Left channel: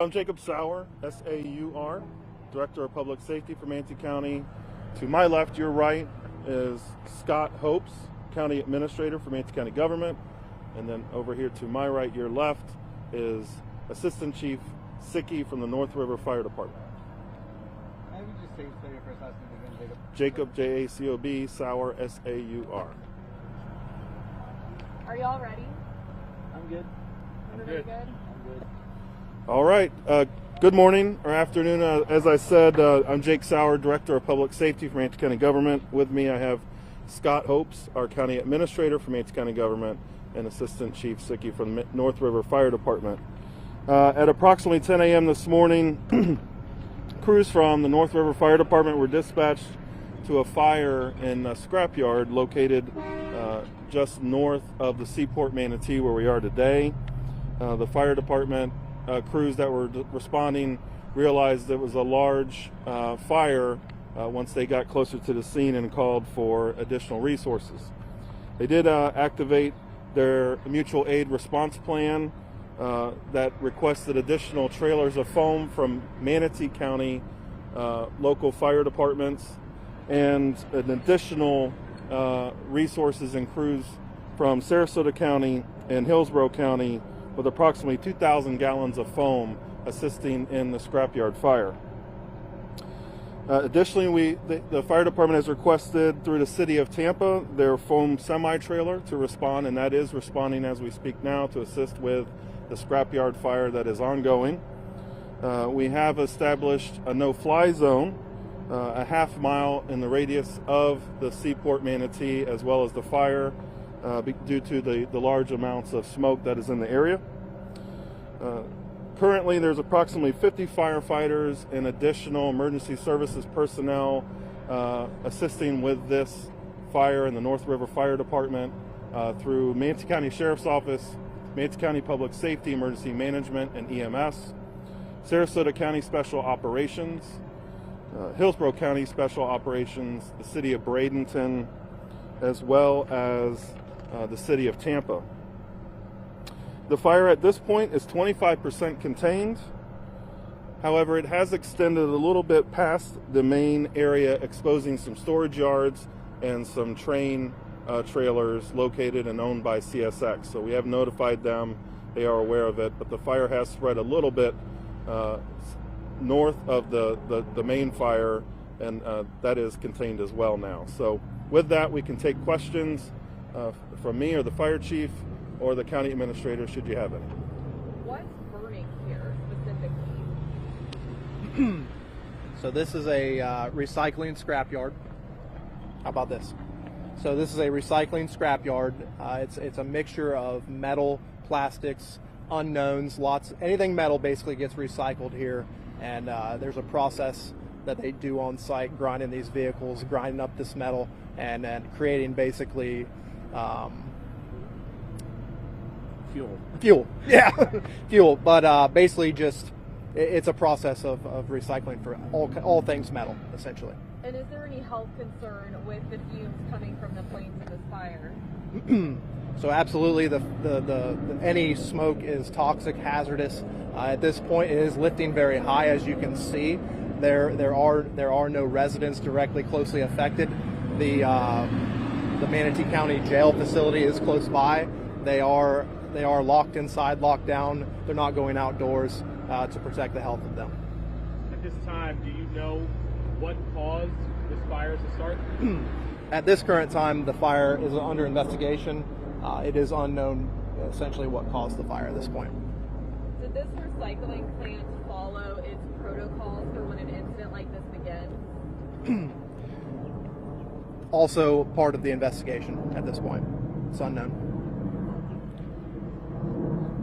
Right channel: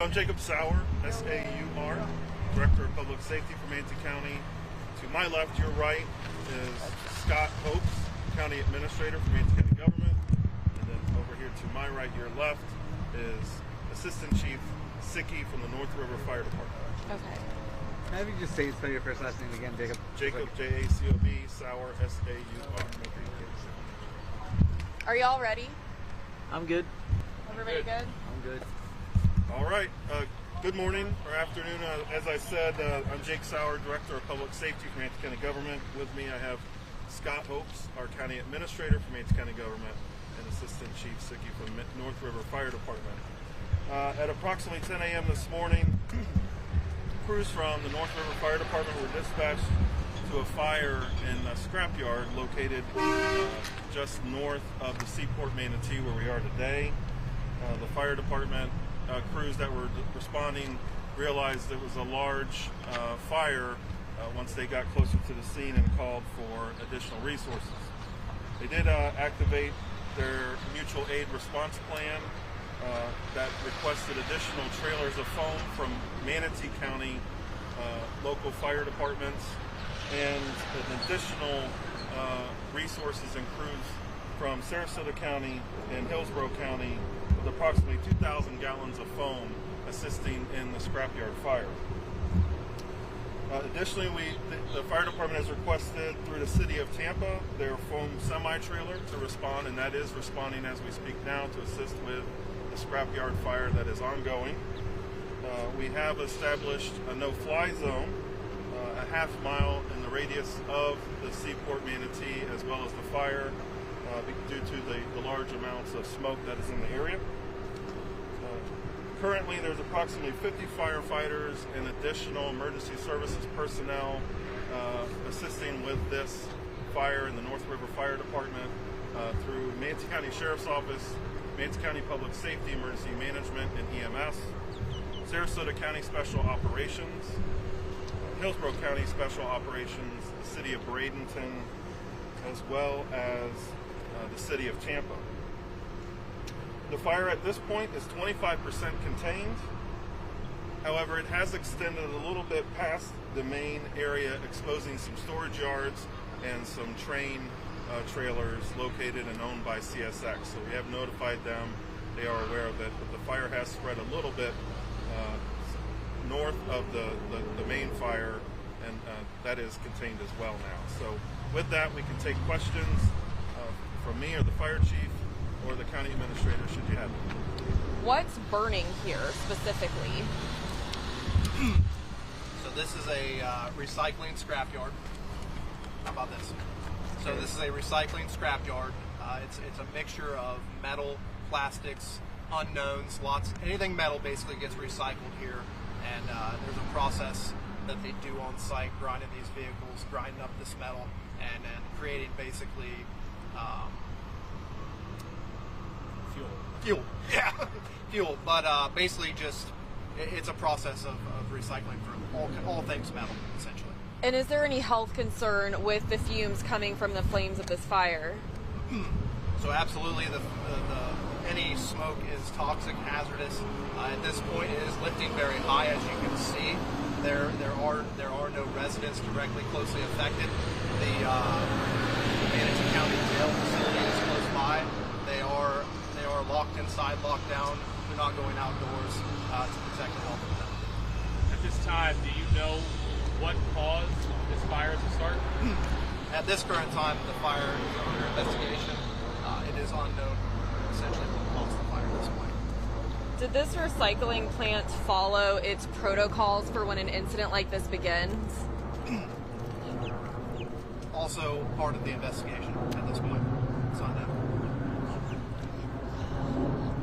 I'm Jacob Sauer, S-A-U-R, Director of Public Safety for Manatee County. To my left, your right, is Scott Hopes, County Administrator for Manatee County Government. And then over here to my right, your left, is Assistant Chief Sicky from the North River Fire Department. Okay. Maybe just spell your first last name again, Jacob. Jacob, J-A-C-O-B, Sauer, S-A-U-R. Are y'all ready? I'm good. Everybody good? I'm good. All right. Good morning or afternoon. As I said, I'm Jake Sauer, Director of Public Safety for Manatee County Government. With me, I have Scott Hopes, our County Administrator for Manatee County Government, and Assistant Chief Sicky from the North River Fire Department. At approximately 10 a.m. this morning, crews from the North River Fire Department were dispatched to a fire in a scrapyard located just north of the Seaport Manatee, where we are today. The fire department crews that were responding realized it was a large fire once they got closer to the scene and called for additional resources. They did activate their mutual aid response plan that requested additional trailers of foam from Manatee County local fire departments and an additional resources and crews from Sarasota County and Hillsborough County with approximately 2,000 gallons of foam assisting in the scrapyard fire. Additionally, the fire department has requested through the city of Tampa their foam semi-trailer to respond, and that is responding as we speak now to assist with the scrapyard fire that is ongoing. We have established a no-fly zone a half mile in the radius of the Seaport Manatee as well as the fire due to the large amounts of smoke that is in the area. Currently, there's approximately 50 firefighters and additional emergency services personnel assisting with this fire in the North River Fire Department through Manatee County Sheriff's Office, Manatee County Public Safety, Emergency Management, and EMS, Sarasota County Special Operations, Hillsborough County Special Operations, the City of Bradenton, as well as the City of Tampa. The fire at this point is 25% contained. However, it has extended a little bit past the main area, exposing some storage yards and some train trailers located and owned by CSX. So we have notified them. They are aware of it, but the fire has spread a little bit north of the main fire, and that is contained as well now. So with that, we can take questions from me or the fire chief or the county administrator, should you have it. What's burning here specifically? So this is a recycling scrapyard. How about this? So this is a recycling scrapyard. It's a mixture of metal, plastics, unknowns, anything metal basically gets recycled here. And there's a process that they do on site, grinding these vehicles, grinding up this metal, and creating basically fuel. Yeah, fuel. But basically, just it's a process of recycling for all things metal, essentially. And is there any health concern with the fumes coming from the flames of this fire? So absolutely, any smoke is toxic, hazardous. At this point, it is lifting very high, as you can see. There are no residents directly closely affected. The Manatee County Jail facility is close by. They are locked inside, locked down. They're not going outdoors to protect the health of them. At this time, do you know what caused this fire to start? At this current time, the fire is under investigation. It is unknown essentially what caused the fire at this point. Did this recycling plant follow its protocols for when an incident like this begins? Also part of the investigation at this point. It's unknown.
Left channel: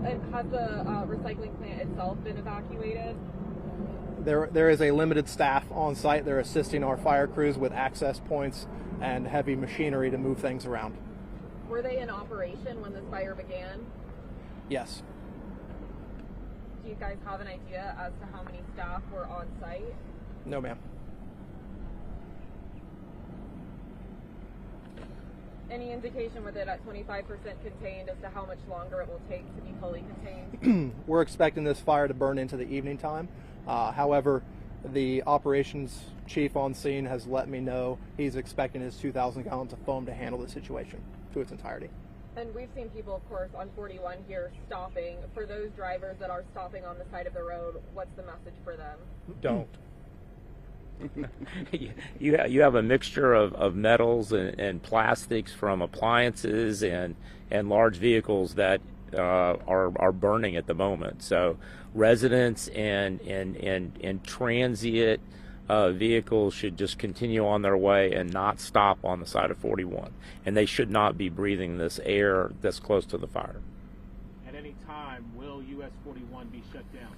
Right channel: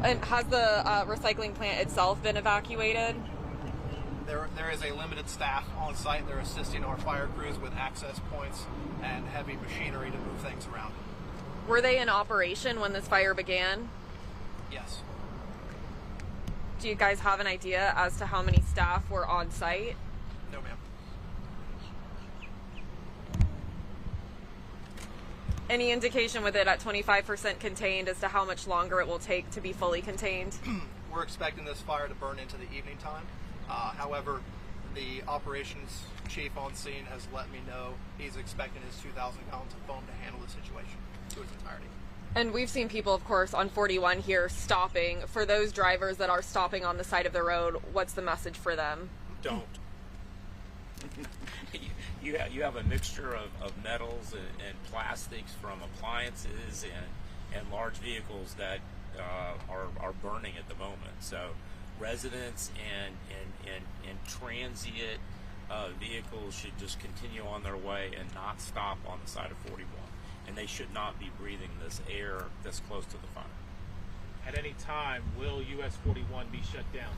And has the recycling plant itself been evacuated? There is a limited staff on site. They're assisting our fire crews with access points and heavy machinery to move things around. Were they in operation when this fire began? Yes. Do you guys have an idea as to how many staff were on site? No, ma'am. Any indication with it at 25% contained as to how much longer it will take to be fully contained? We're expecting this fire to burn into the evening time. However, the operations chief on scene has let me know he's expecting his 2,000 gallons of foam to handle the situation to its entirety. And we've seen people, of course, on 41 here stopping. For those drivers that are stopping on the side of the road, what's the message for them? Don't. You have a mixture of metals and plastics from appliances and large vehicles that are burning at the moment. So residents and transient vehicles should just continue on their way and not stop on the side of 41. And they should not be breathing this air that's close to the fire. At any time, will US 41 be shut down?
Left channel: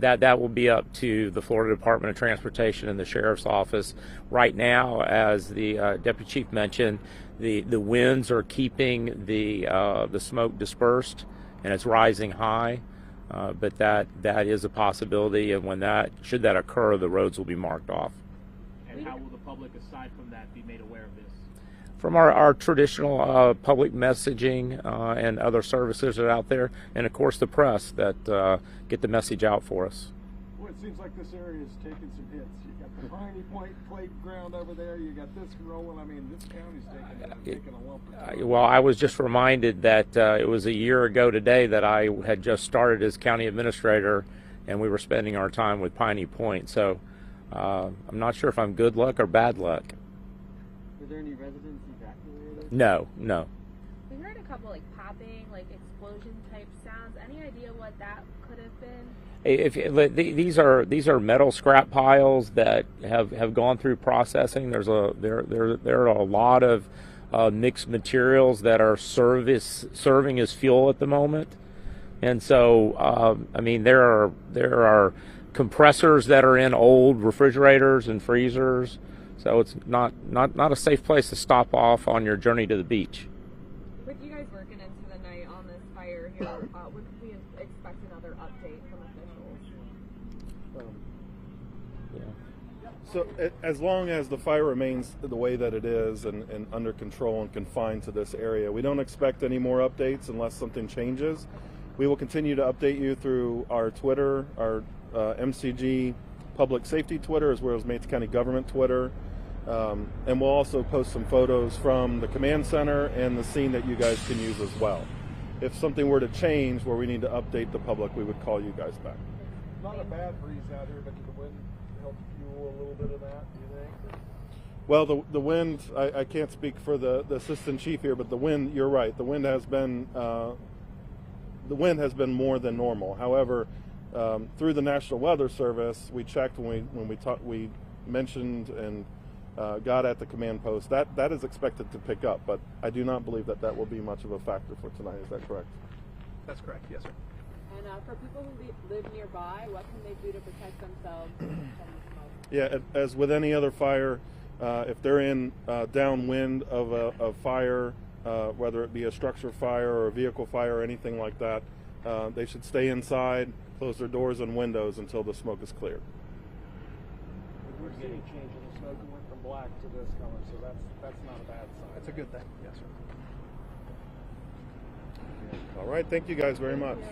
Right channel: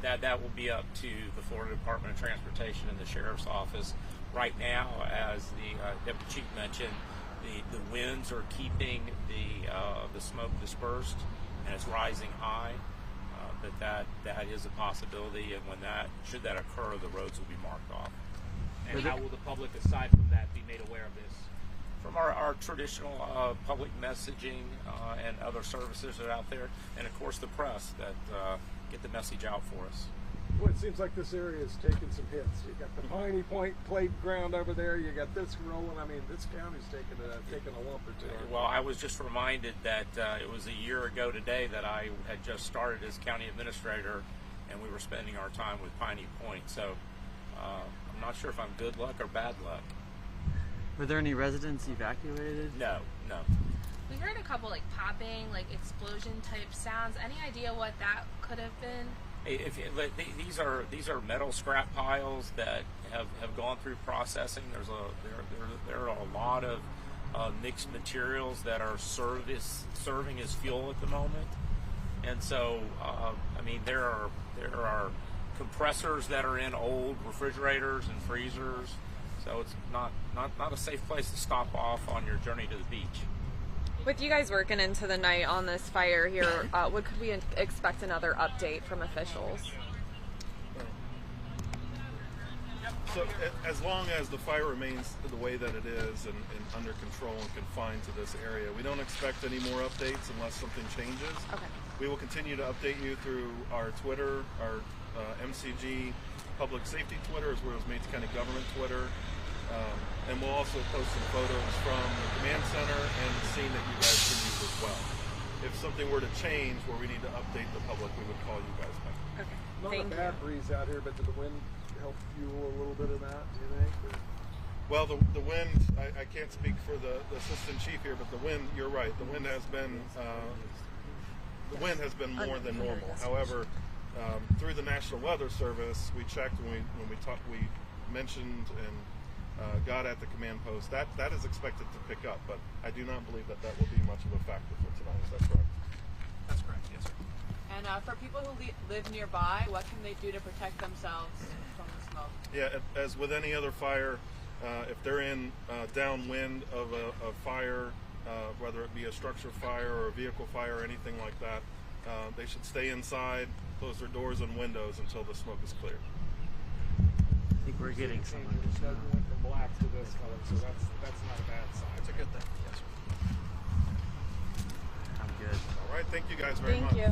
That will be up to the Florida Department of Transportation and the Sheriff's Office. Right now, as the Deputy Chief mentioned, the winds are keeping the smoke dispersed, and it's rising high. But that is a possibility, and should that occur, the roads will be marked off. And how will the public, aside from that, be made aware of this? From our traditional public messaging and other services that are out there, and of course the press that get the message out for us. Well, it seems like this area is taking some hits. You got the Piney Point playground over there. You got this rolling. I mean, this county's taking a lump or two. Well, I was just reminded that it was a year ago today that I had just started as county administrator, and we were spending our time with Piney Point. So I'm not sure if I'm good luck or bad luck. Were there any residents evacuated? No. We heard a couple like popping, like explosion type sounds. Any idea what that could have been? These are metal scrap piles that have gone through processing. There are a lot of mixed materials that are serving as fuel at the moment, and so I mean there are compressors that are in old refrigerators and freezers. So it's not a safe place to stop off on your journey to the beach. With you guys working into the night on this fire here, what could we expect another update from officials? So as long as the fire remains the way that it is and under control and confined to this area, we don't expect any more updates unless something changes. Okay. We will continue to update you through our Twitter, our MCG Public Safety Twitter, as well as Mates County Government Twitter. And we'll also post some photos from the command center and the scene that you guys can use as well. If something were to change where we need to update the public, we would call you guys back. Okay. Not Thank a bad breeze out here, but did the wind help fuel a little bit of that, do you think? Well, the wind, I can't speak for the assistant chief here, but the wind, you're right, the wind has been more than normal. However, through the National Weather Service, we checked when we mentioned and got at the command post, that is expected to pick up, but I do not believe that will be much of a factor for tonight. Is that correct? That's correct, yes, sir. And for people who live nearby, what can they do to protect themselves from the smoke? Yeah, as with any other fire, if they're in downwind of a fire, whether it be a structure fire or a vehicle fire or anything like that, they should stay inside, close their doors and windows until the smoke is cleared. I think we're getting Changes that went from black to this color, so that's not a bad sign. That's a good thing, yes, sir. I'm good. All right, thank you guys very Thank much. you.